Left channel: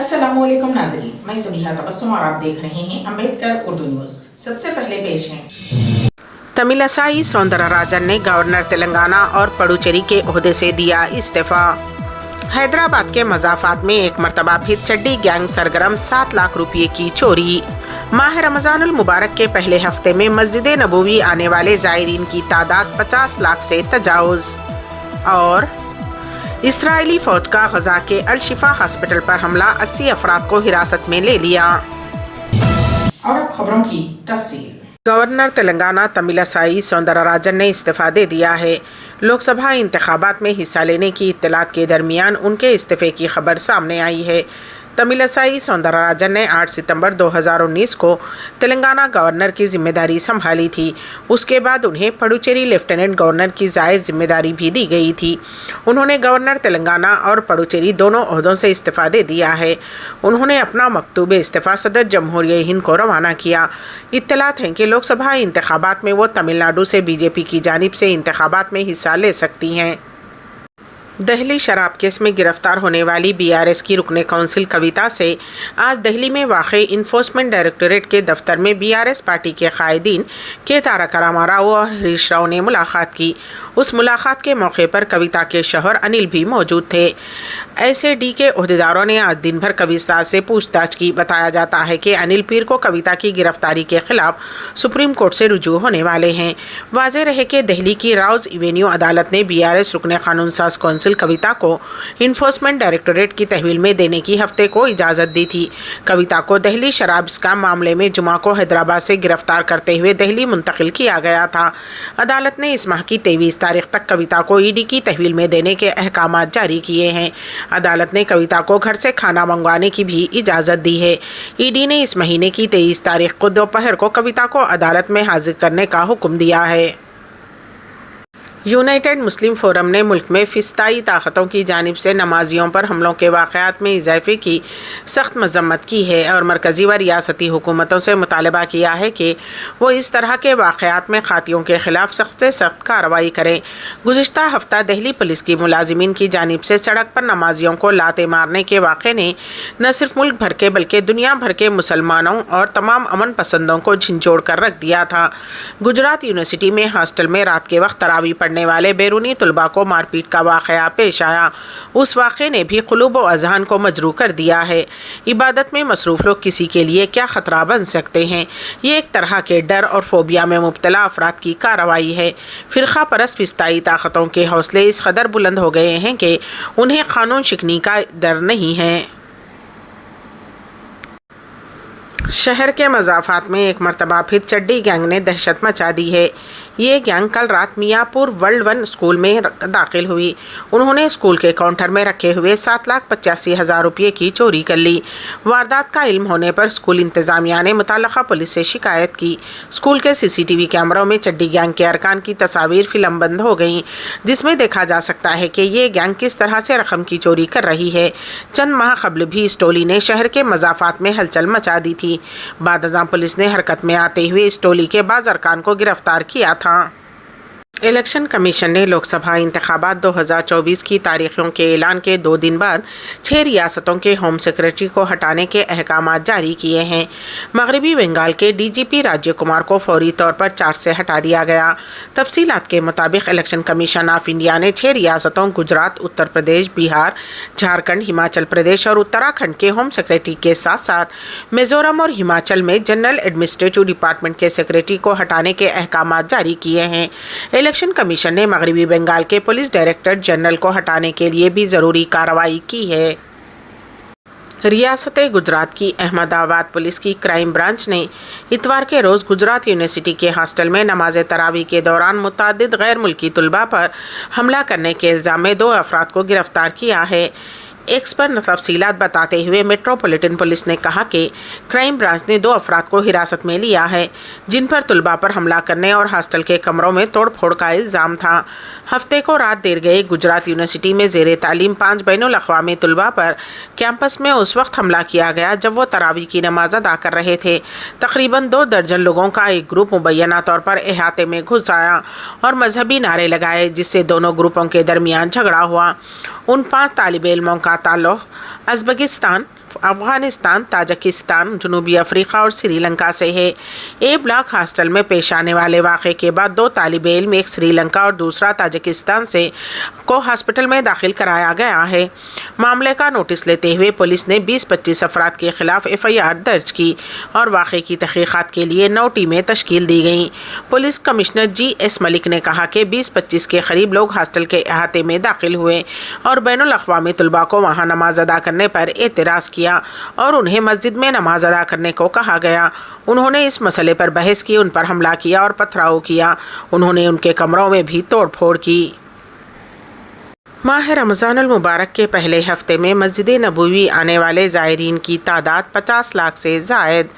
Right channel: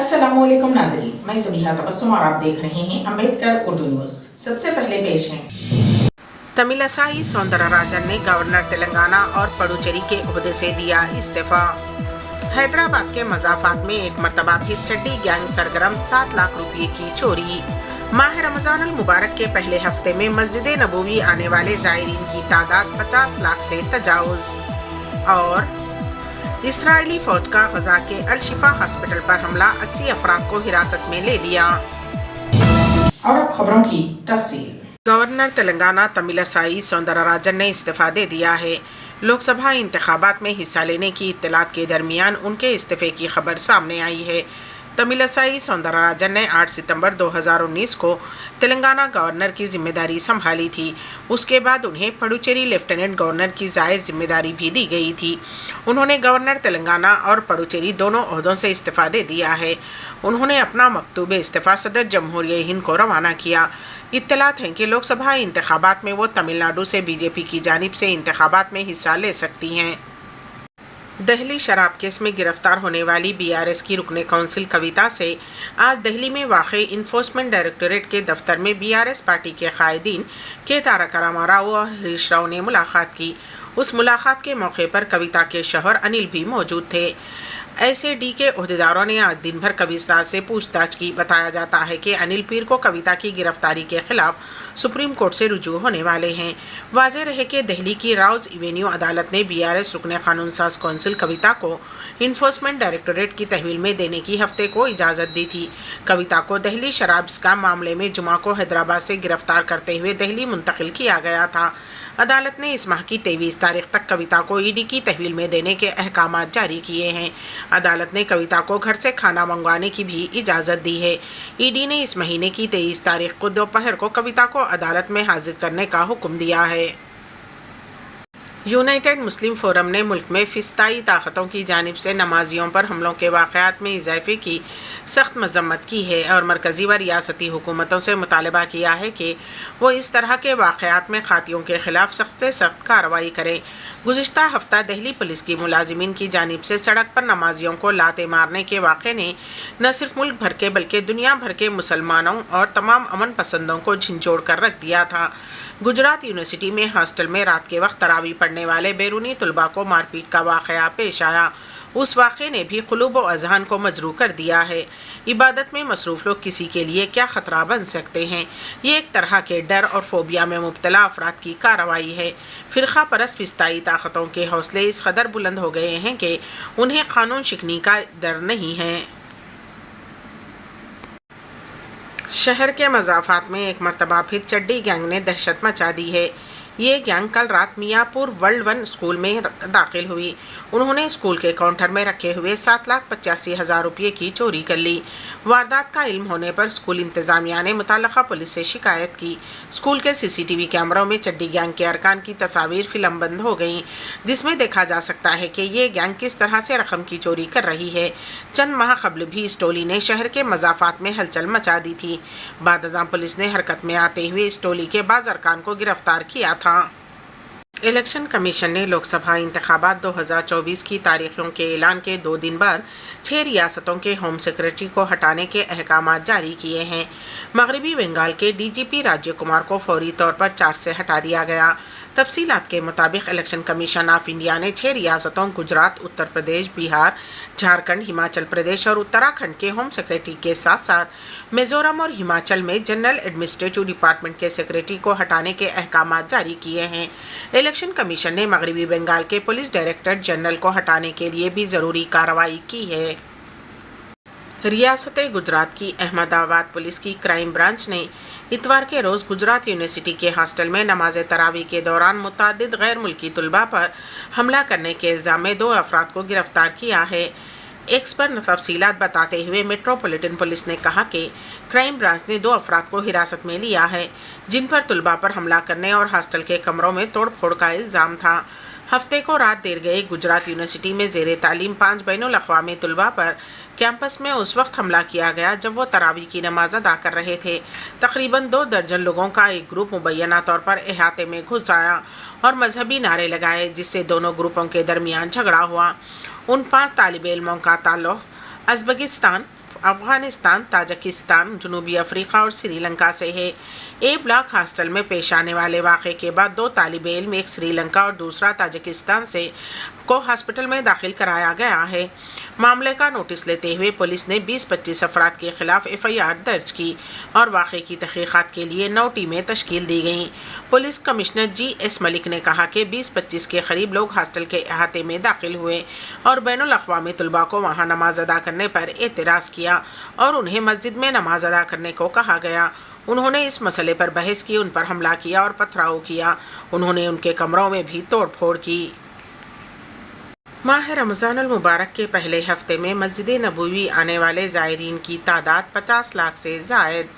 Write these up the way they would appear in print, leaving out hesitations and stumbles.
अस्सलामुअलैकुम नाज़रीन, मैं ज़बीहा तबस्सुम और आप देख रहे हैं अम्बेडकर उर्दू न्यूज़। सबसे पहले पेश हैं। तमिलसाई सौंदरराजन ने गवर्नर तेलंगाना और पुडुचेरी के ओहदे से दिया इस्तीफा। हैदराबाद के मज़ाफात में एक मरतबा फिर चड्डी गैंग सरगर्म 7 लाख रुपये की चोरी। माह रमज़ानुल मुबारक के पहले हफ्ते में मस्जिद नबवी आने वाले ज़ायरीन की तादाद 50 लाख से तजावुज़। और इसराइली फौज का गजा के अल शिफा हॉस्पिटल पर हमला, 80 अफराद को हिरासत में ले लिया। और अब खबरों की तफसील। गवर्नर तेलंगाना तमिलसाई सौंदरराजन ने इस्तीफा दे दिया है। लोकसभा इंतखाबात में हिस्सा लेने की इत्तलात के दरमियान उनके इस्तीफे की खबर सामने आई है। तमिलसाई सौंदरराजन ने 8 सितंबर 2019 को तेलंगाना गवर्नर की जिम्मेदारी संभाली थी। उसके बाद उन्हें पुडुचेरी लेफ्टिनेंट गवर्नर की जायज़ जिम्मेदारी भी दी गई थी। उन्होंने गवर्नर तेलंगाना और पुडुचेरी दोनों ओहदों से इस्तीफा दे दिया है। उन्होंने अपना मकतूब इस्तीफा सदर जमहूरिया हिंद को रवाना किया। इत्तलात हैं कि लोकसभा इंतखाबात में वो तमिलनाडु से बीजेपी की जानिब से इंतखाबात में हिस्सा ले सकती हैं। दहली शराब केस में गिरफ्तार होने वाली बीआरएस की रुकने कौंसिल कविता से आज दहली में वाक़ई इन्फोर्समेंट डायरेक्टोरेट के दफ्तर में बीआरएस पार्टी के कायदीन के तारक रामाराव और हरीश राव ने मुलाकात की। उस मुलाकात के मौके पर कविता के शौहर अनिल भी मौजूद थे। एसएडी के ओहदेदारों ने आज दिन भर कविता से पूछताछ की। बताया जाता है कि अनिल पीर को कविता की गिरफ्तारी के खिलाफ सुप्रीम कोर्ट से रुजू होने वाले हैं। वाज़ेह रहे कि दिल्ली की राउज एवेन्यू अदालत ने बीआरएस रुकने कानून साज कौंसिल कविता को इन्फोर्समेंट डायरेक्टोरेट की तहवील में देने की हफ्ते को इजाज़त दी थी। कविता को दहली शराब स्कैम मामले में जुमा को हैदराबाद से गिरफ्तार करते हुए दिल्ली मुंतकिल किया गया था। अदालत ने इस माह की 23 तारीख तक कविता को ईडी की तहवील में देने के अहकाम जारी किए हैं। अदालत ने कविता को घर से खाना मंगवाने की भी इजाज़त दी है। ईडी ने इस महीने की 23 तारीख को दोपहर को कविता को अदालत में हाजिर करने का हुक्म दिया है। यूनाइटेड मुस्लिम फोरम ने मुल्क में फिस्ताई ताकतों की जानिब से नमाजियों पर हमलों के वाक़यात में इजाफे की सख्त मजम्मत की है और मरकज़ी व रियासती हुकूमतों से मुतालबा किया है कि वो इस तरह के वाक़यात में खातियों के ख़िलाफ़ सख्त से सख्त कार्रवाई करें। गुज़िश्ता हफ्ता दिल्ली पुलिस की मुलाजिमीन की जानिब से सड़क पर नमाजियों को लाते मारने के वाक़े ने न सिर्फ मुल्क भर के बल्कि दुनिया भर के मुसलमानों और तमाम अमन पसंदों को झिंझोड़ कर रख दिया था। गुजरात यूनिवर्सिटी में हॉस्टल में रात के वक्त तरावी पढ़ने वाले बैरूनी तलबा को मारपीट का वाक़या पेश आया। उस वाक़े ने भी क़ुलूब व अज़हान को मजरू कर दिया है। इबादत में मसरूफ़ लोग किसी के लिए क्या ख़तरा बन सकते हैं। ये एक तरह के डर और फोबिया में मुब्तला अफराद की कार्रवाई है। फ़िरक़ा परस्त फिस्ताई ताकतों के हौसले इस कदर बुलंद हो गए हैं कि उन्हें क़ानून शिकनी का डर नहीं है। शहर के मज़ाफ़ात में एक मरतबा फिर चड्डी गैंग ने दहशत मचा दी है। ये गैंग कल रात मियाँपुर वर्ल्ड 1 स्कूल में दाखिल हुई। उन्होंने स्कूल के काउंटर में रखे हुए 7,85,000 रुपये की चोरी कर ली। वारदात का इल्म होने पर स्कूल इंतज़ामिया ने मुतल्लक़ा पुलिस से शिकायत की। स्कूल के सीसीटीवी कैमरों में चड्डी गैंग के अरकान की तस्वीर फिल्मबंद हो गई, जिसमें देखा जा सकता है कि ये गैंग किस तरह से रकम की चोरी कर रही है। चंद माह कबल भी इस टोली ने शहर के मज़ाफ़ात में हलचल मचा दी थी। बाद अज़ां पुलिस ने हरकत में आते हुए इस टोली के बाज़ अरकान को गिरफ्तार किया था। इलेक्शन कमीशन ने लोकसभा इंतखाबात 2024 की तारीखों के ऐलान के 2 दिन बाद 6 रियासतों के होम सेक्रेटरी को हटाने के अहकाम जारी किए हैं। मगरबी बंगाल के डीजीपी राज्य कुमार को फौरी तौर पर चार्ज से हटा दिया गया। तफसीलात के मुताबिक इलेक्शन कमीशन ऑफ इंडिया ने 6 रियासतों गुजरात, उत्तर प्रदेश, बिहार, झारखंड, हिमाचल प्रदेश और उत्तराखंड के होम सेक्रेटरी के साथ साथ मिजोरम और हिमाचल में जनरल एडमिनिस्ट्रेटिव डिपार्टमेंट के सेक्रेटरी को हटाने के अहकाम जारी किए हैं। इलेक्शन कमीशन ने मगरबी बंगाल के पुलिस डायरेक्टर जनरल को हटाने के लिए भी ज़रूरी कार्रवाई की है। रियासत गुजरात की अहमदाबाद पुलिस की क्राइम ब्रांच ने इतवार के रोज़ गुजरात यूनिवर्सिटी के हॉस्टल में नमाज तरावी के दौरान मुतअद्दिद गैर मुल्की तलबा पर हमला करने के इल्ज़ाम में 2 अफराद को गिरफ्तार किया है। एक्स पर तफसीलात बताते हुए मेट्रोपॉलिटन पुलिस ने कहा कि क्राइम ब्रांच ने 2 अफराद को हिरासत में लिया है, जिन पर तलबा पर हमला करने और हॉस्टल के कमरों में तोड़ फोड़ का इल्ज़ाम था। हफ्ते को रात देर गए गुजरात यूनिवर्सिटी में ज़ेरे तालीम 5 बैनुल अक़वामी तलबा पर कैंपस में उस वक्त हमला किया गया जब वो तरावी की नमाज अदा कर रहे थे। तकरीबन 2 दर्जन लोगों का एक ग्रुप मुबैना तौर पर अहाते में घुस आया और मजहबी नारे लगाए, जिससे दोनों ग्रुपों के दरमियान झगड़ा हुआ। उन 5 तालिब इल्मों का ताल्लुक़ उज़्बेकिस्तान, अफगानिस्तान, ताजिकिस्तान, जनूबी अफ्रीका और श्रीलंका से है। ए ब्लॉक हॉस्टल में पेश आने वाले वाक़े के बाद 2 तालिब इल्म, एक श्रीलंका और दूसरा ताजिकिस्तान से को हॉस्पिटल में दाखिल कराया गया है। मामले का नोटिस लेते हुए पुलिस ने 20-25 अफराद के खिलाफ FIR दर्ज की और वाक़े की तहक़ीक़ात के लिए 9 टीमें तश्कील दी गईं। पुलिस कमिश्नर GS मलिक ने कहा कि 20-25 के करीब लोग हॉस्टल के अहाते में दाखिल हुए और बैनुल अक़वामी तलबा को वहाँ नमाज अदा करने पर एतराज़ किया और उन्हें मस्जिद में नमाज अदा करने को कहा गया। उन्होंने इस मसले पर बहस की, उन पर हमला किया और पथराव किया। उन्होंने उनके कमरों में भी तोड़फोड़ की। माह रमज़ानुल मुबारक के पहले हफ्ते में मस्जिद नबवी आने वाले ज़ायरीन की तादाद 50 लाख से ज़ायद।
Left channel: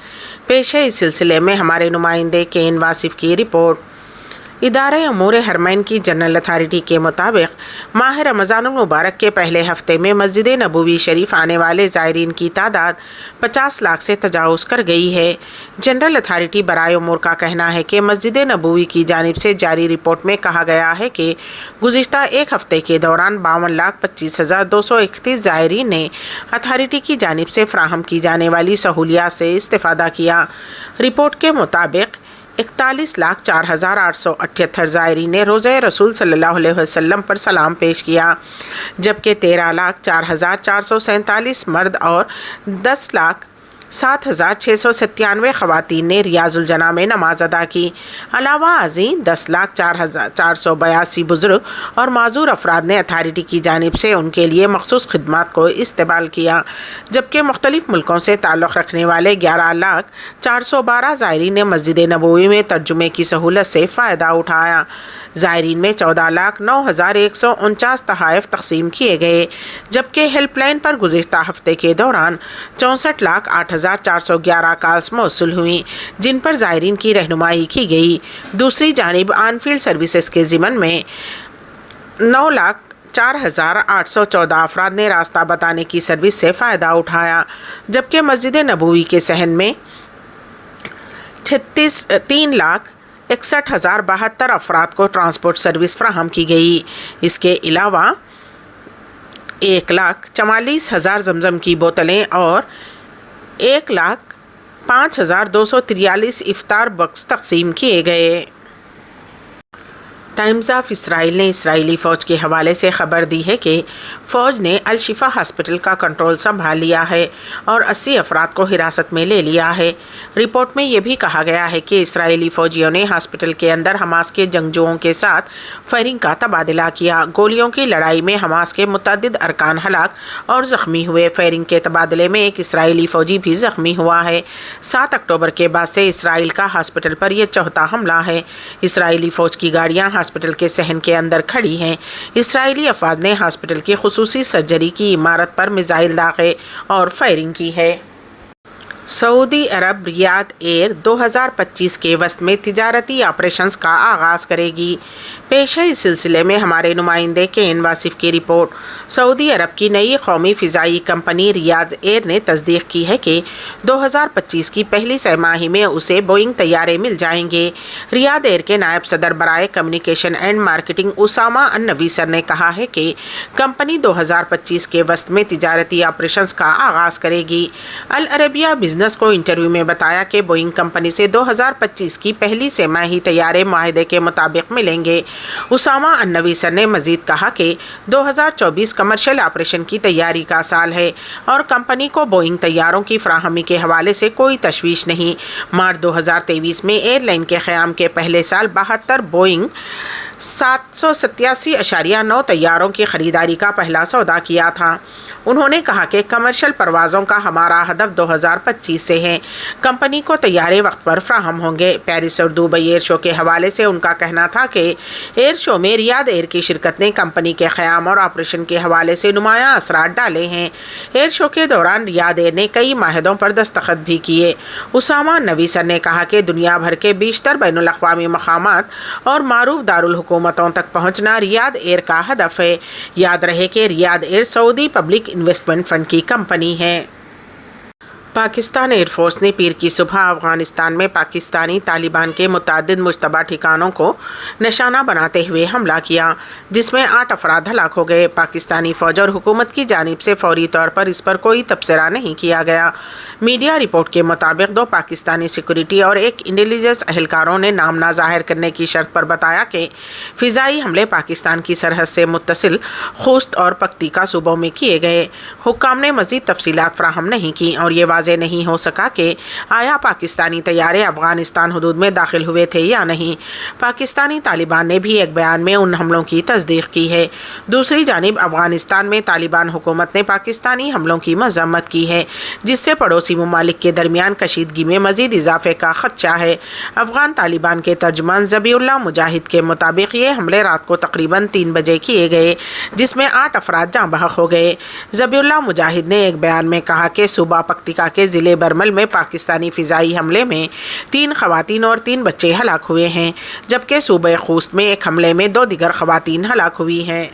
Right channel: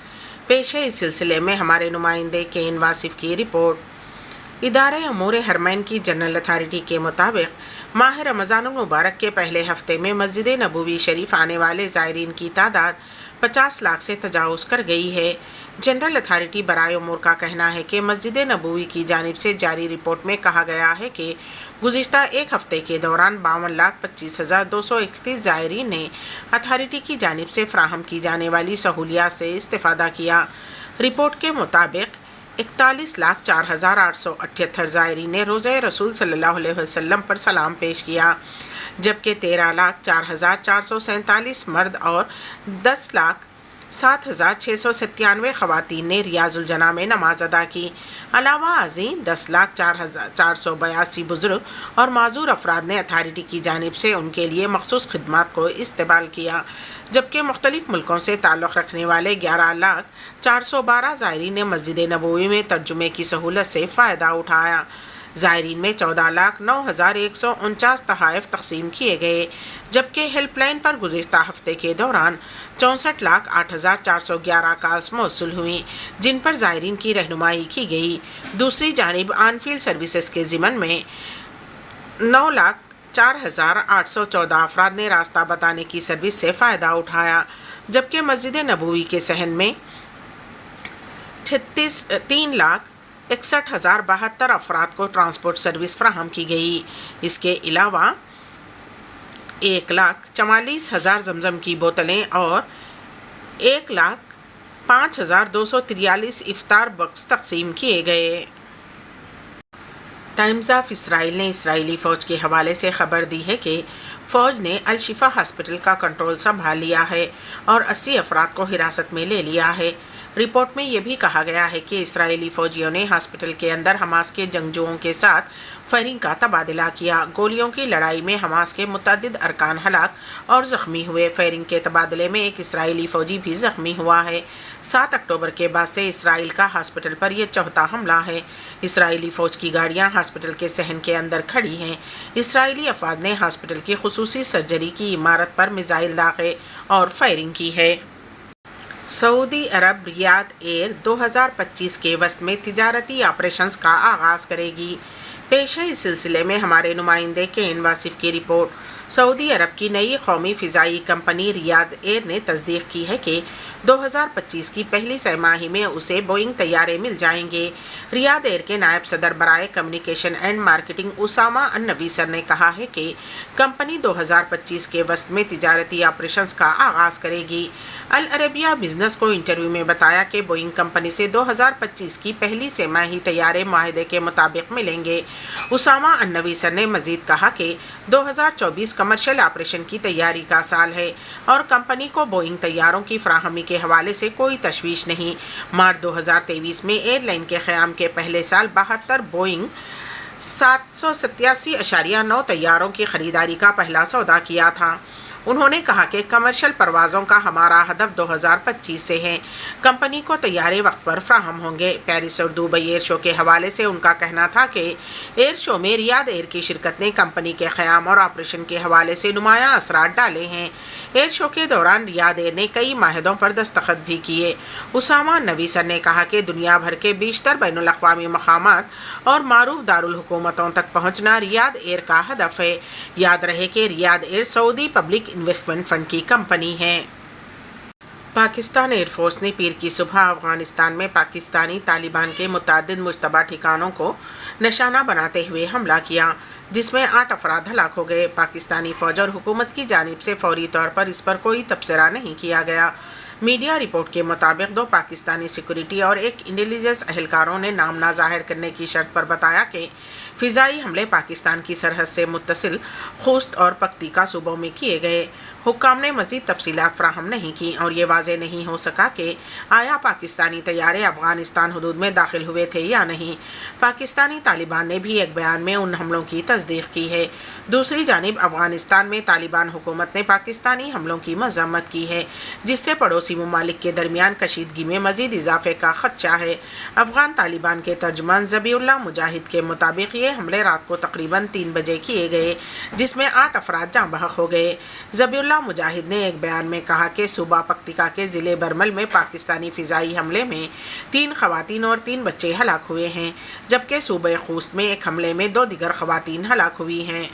पेश है इस सिलसिले में हमारे नुमाइंदे केन वासिफ की रिपोर्ट। इदारे अमूर हरमैन की जनरल अथारिटी के मुताबिक माह रमज़ानुल मुबारक के पहले हफ्ते में मस्जिद नबवी शरीफ आने वाले ज़ायरीन की तादाद 50 लाख से तजावुज़ कर गई है। जनरल अथारिटी बराए उमूर का कहना है कि मस्जिद नबवी की जानिब से जारी रिपोर्ट में कहा गया है कि गुज़िश्ता एक हफ़्ते के दौरान 52,25,231 ज़ायरीन ने अथारिटी की जानिब से फ़राहम की जाने वाली सहूलियात से इस्तिफ़ादा किया। रिपोर्ट के मुताबिक 41,04,878 ज़ायरीन ने रोज़े रसूल सल्लल्लाहु अलैहि वसल्लम पर सलाम पेश किया, जबकि 13,04,447 मर्द और 10,07,697 ख़वातीन ने रियाजुल जना में नमाज अदा की। अलावा अज़ीं 10,04,482 बुज़ुर्ग और माजूर अफराद ने अथारिटी की जानिब से उनके लिए मखसूस खिदमात को इस्तेमाल किया, जबकि मुख्तलिफ़ मुल्कों से ताल्लुक़ रखने वाले 11,04,12 ज़ायरीन ने मस्जिद नबवी में तर्जुमे की सहूलत से फ़ायदा उठाया। ज़ायरीन में 14,09,149 तहाइफ तकसीम किए गए, जबकि हेल्पलाइन पर गुज़िश्ता हफ्ते के दौरान 64,08,411 कॉल्स मौसूल हुई, जिन पर ज़ायरीन की रहनुमाई की गई। दूसरी जानिब ऑनफील्ड सर्विसेज के ज़िमन में 9,04,814 अफराद ने रास्ता बताने की सर्विस से फ़ायदा उठाया, जबकि मस्जिद नबवी के सहन में 3,61,072 अफराद को ट्रांसपोर्ट सर्विस फ्राहम की गई। इसके अलावा 1,44,000 जमजम की बोतलें और 1,05,243 इफ्तार बक्स तकसीम किए गए। टाइम्स ऑफ इसराइल ने इसराइली फ़ौज के हवाले से खबर दी है कि फ़ौज ने अल शिफा हॉस्पिटल का कंट्रोल संभाल लिया है और 80 अफराद को हिरासत में ले लिया है। रिपोर्ट में यह भी कहा गया है कि इसराइली फ़ौजियों ने हॉस्पिटल के अंदर हमास के जंगजुओं के साथ फायरिंग का तबादला किया। गोलियों की लड़ाई में हमास के मुतअद्दिद अरकान हलाक और ज़ख्मी हुए। फायरिंग के तबादले में एक इसराइली फ़ौजी भी ज़ख्मी हुआ है। 7 अक्टूबर के बाद से इसराइल का हॉस्पिटल पर यह चौथा हमला है। इसराइली फ़ौज की गाड़ियाँ हॉस्पिटल के सहन के अंदर खड़ी हैं। इसराइली अफवाज ने हॉस्पिटल की खुसूसी सर्जरी की इमारत पर मिसाइल दागे और फायरिंग की है। सऊदी अरब रियाद एयर 2025 के वस्त में तिजारती ऑपरेशंस का आगाज़ करेगी। पेश है इस सिलसिले में हमारे नुमाइंदे केन वासिफ की रिपोर्ट। सऊदी अरब की नई कौमी फ़िज़ाई कंपनी रियाद एयर ने तस्दीक की है कि 2025 की पहली तिमाही में उसे बोइंग तैयारे मिल जाएंगे। रियाद एयर के नायब सदर बराए कम्युनिकेशन एंड मार्केटिंग उसामा अन-नवीसर ने कहा है कि कंपनी 2025 के वस्त में तिजारती ऑपरेशंस का आगाज़ करेगी। अल अरबिया बिजनेस को इंटरव्यू में बताया कि बोइंग कंपनी से 2025 की पहली तिमाही तैयारे माहिदे के मुताबिक मिलेंगे। उसामा अन-नवीसर ने मज़ीद कहा कि 2024 कमर्शियल ऑपरेशन की तैयारी का साल है और कंपनी को बोइंग तैयारों की फराहमी के हवाले से कोई तशवीश नहीं। मार्च 2023 में एयरलाइन के क़याम के पहले साल 72 बोइंग 787.9 तैयारों की ख़रीदारी का पहला सौदा किया था। उन्होंने कहा कि कमर्शियल परवाज़ों का हमारा हदफ 2025 से है। कंपनी को तैयारे वक्त पर फ्राहम होंगे। पेरिस और दुबई एयर शो के हवाले से उनका कहना था कि एयर शो में रियाद एयर की शिरकत ने कंपनी के क़याम और ऑपरेशन के हवाले से नुमायाँ असरात डाले हैं। एयर शो के दौरान रियाद एयर ने कई माहदों पर दस्तखत भी किए। उसामा नवीसर ने कहा कि दुनिया भर के बेशतर बैनुल अक़वामी मक़ामात और मारूफ दारुल हुकूमतों तक पहुँचना रियाद एयर का हदफ है। याद रहे कि Riyadh air Saudi public investment fund की कंपनी है। पाकिस्तान एयरफोर्स ने पीर की सुबह अफगानिस्तान में पाकिस्तानी तालिबान के मुतअद्दिद मुश्तबा ठिकानों को निशाना बनाते हुए हमला किया, जिसमें 8 अफराद हलाक हो गए। पाकिस्तानी फ़ौज और हुकूमत की जानिब से फौरी तौर पर इस पर कोई तबसरा नहीं किया गया। मीडिया रिपोर्ट के मुताबिक 2 पाकिस्तानी सिक्योरिटी और 1 इंटेलिजेंस अहलकारों ने नाम ना ज़ाहिर करने की शर्त पर बताया कि फ़िज़ाई हमले पाकिस्तान की सरहद से मुत्तसिल खुस्त और पख्तीका सूबों में किए गए। हुक्काम ने मज़ीद तफसीलात फराहम नहीं की और ये वाज़ेह नहीं हो सका कि आया पाकिस्तानी तैयारे अफ़गानिस्तान हदूद में दाखिल हुए थे या नहीं। पाकिस्तानी तालिबान ने भी एक बयान में उन हमलों की तस्दीक की है। दूसरी जानिब अफ़गानिस्तान में तालिबान हुकूमत ने पाकिस्तानी हमलों की मज़म्मत की है, जिससे पड़ोसी ममालिक के दरमियान कशीदगी में मज़ीद इजाफे का खदशा है। अफ़गान तालिबान के तर्जुमान ज़बीउल्लाह मुजाहिद के मुताबिक ये हमले रात को तकरीबन 3 बजे किए गए, जिसमें 8 अफराद जाँ बहक हो गए। ज़बीउल्लाह मुजाहिद ने एक बयान में कहा कि सूबा पख्तिका के ज़िले बरमल में पाकिस्तानी फ़िज़ाई हमले में 3 ख़वातीन और 3 बच्चे हलाक हुए हैं, जबकि सूबे खूस्त में एक हमले में 2 दीगर ख़वातीन हलाक हुई हैं।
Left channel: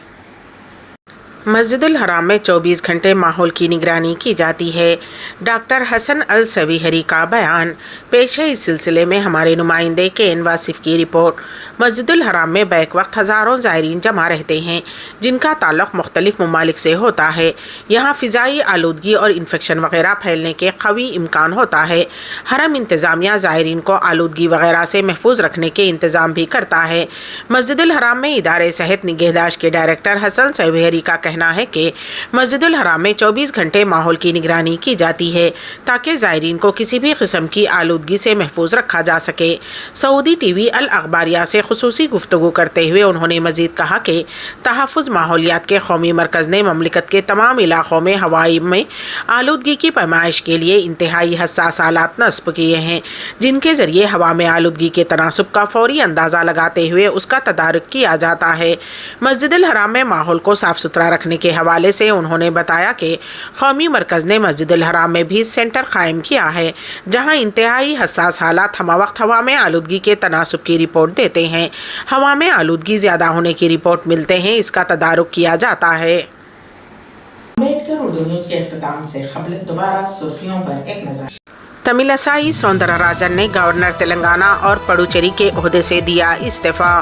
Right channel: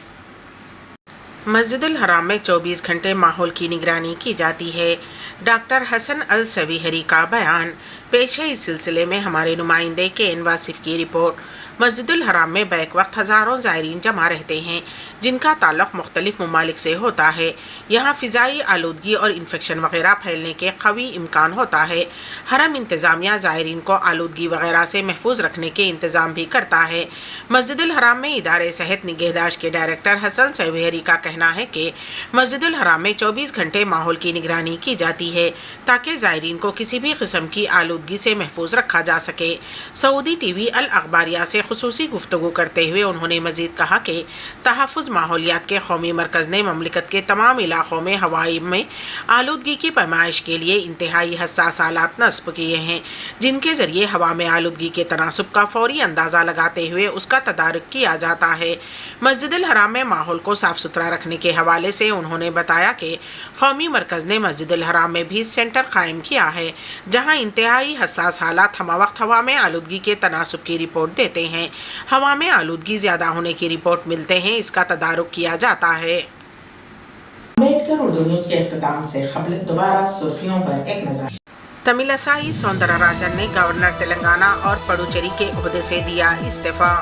मस्जिदुल हराम में 24 घंटे माहौल की निगरानी की जाती है। डॉक्टर हसन अल सवीहरी का बयान पेश है। इस सिलसिले में हमारे नुमाइंदे के एन वासिफ की रिपोर्ट। मस्जिदुल हराम में बैक वक्त हज़ारों ज़ायरीन जमा रहते हैं, जिनका ताल्लुक़ मुख्तलिफ़ ममालिक से होता है। यहाँ फ़िज़ाई आलूदगी और इन्फेक्शन वगैरह फैलने के कवी इम्कान होता है। हरम इंतज़ामिया ज़ायरीन को आलूदगी वगैरह से महफूज रखने के इंतज़ाम भी करता है। मस्जिदुल हराम में इदारे सेहत निगहदाश्त के डायरेक्टर हसन सवीहरी का कहना है कि मस्जिदुल हराम में 24 घंटे माहौल की निगरानी की जाती है, ताकि ज़ायरीन को किसी भी किस्म की आलूदगी से महफूज रखा जा सके। सऊदी टीवी अल अखबारिया से खुसूसी गुफ्तगू करते हुए उन्होंने मज़ीद कहा कि तहफ़्फ़ुज़ माहौलियात के कौमी मरकज़ ने ममलिकत के तमाम इलाक़ों में हवाई में आलूदगी की पैमाइश के लिए इंतहाई हसास आलात नस्ब किए हैं, जिनके ज़रिए हवा में आलूदगी के तनासुब का फ़ौरी अंदाज़ा लगाते हुए उसका तदारुक किया जाता है। मस्जिदुल हराम में माहौल को साफ़ सुथरा रखने के हवाले से उन्होंने बताया कि कौमी मरकज़ ने मस्जिदुल हराम में भी सेंटर कायम किया है, जहाँ इंतहाई हसास हालात हमा वक्त हवा में आलूदगी के तनासुब की रिपोर्ट देते हैं। हवा में आलूदगी ज़्यादा होने की रिपोर्ट मिलते हैं, इसका तदारुक किया जाता है। अम्बेडकर उर्दू न्यूज़ के इख्तिताम से क़ब्ल दोबारा सुर्खियों पर एक नज़र। तमिलसाई सौंदरराजन ने गवर्नर तेलंगाना और पुडुचेरी के ओहदे से दिया इस्तीफ़ा।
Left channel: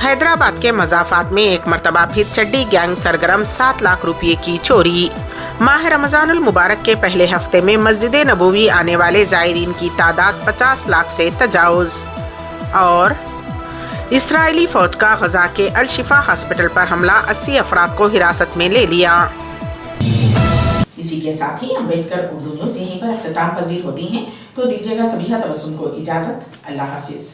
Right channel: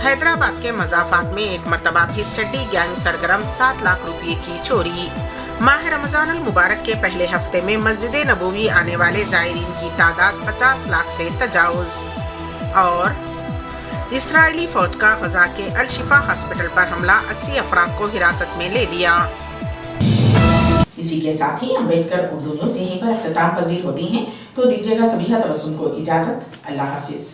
हैदराबाद के मज़ाफ़ात में एक मरतबा फिर चड्डी गैंग सरगर्म 7 लाख रुपये की चोरी। माह रमज़ानुल मुबारक के पहले हफ्ते में मस्जिद नबवी आने वाले ज़ायरीन की तादाद 50 लाख से तजावुज़। और इस्राएली फ़ौज का गज़ा के अल शिफा हॉस्पिटल पर हमला, 80 अफराद को हिरासत में ले लिया। इसी के साथ ही अम्बेडकर उर्दू न्यूज़ यहीं पर इख्तिताम पजीर होती हैं, तो दीजिएगा सभी तबस्सुम को इजाज़त। अल्लाह हाफिज़।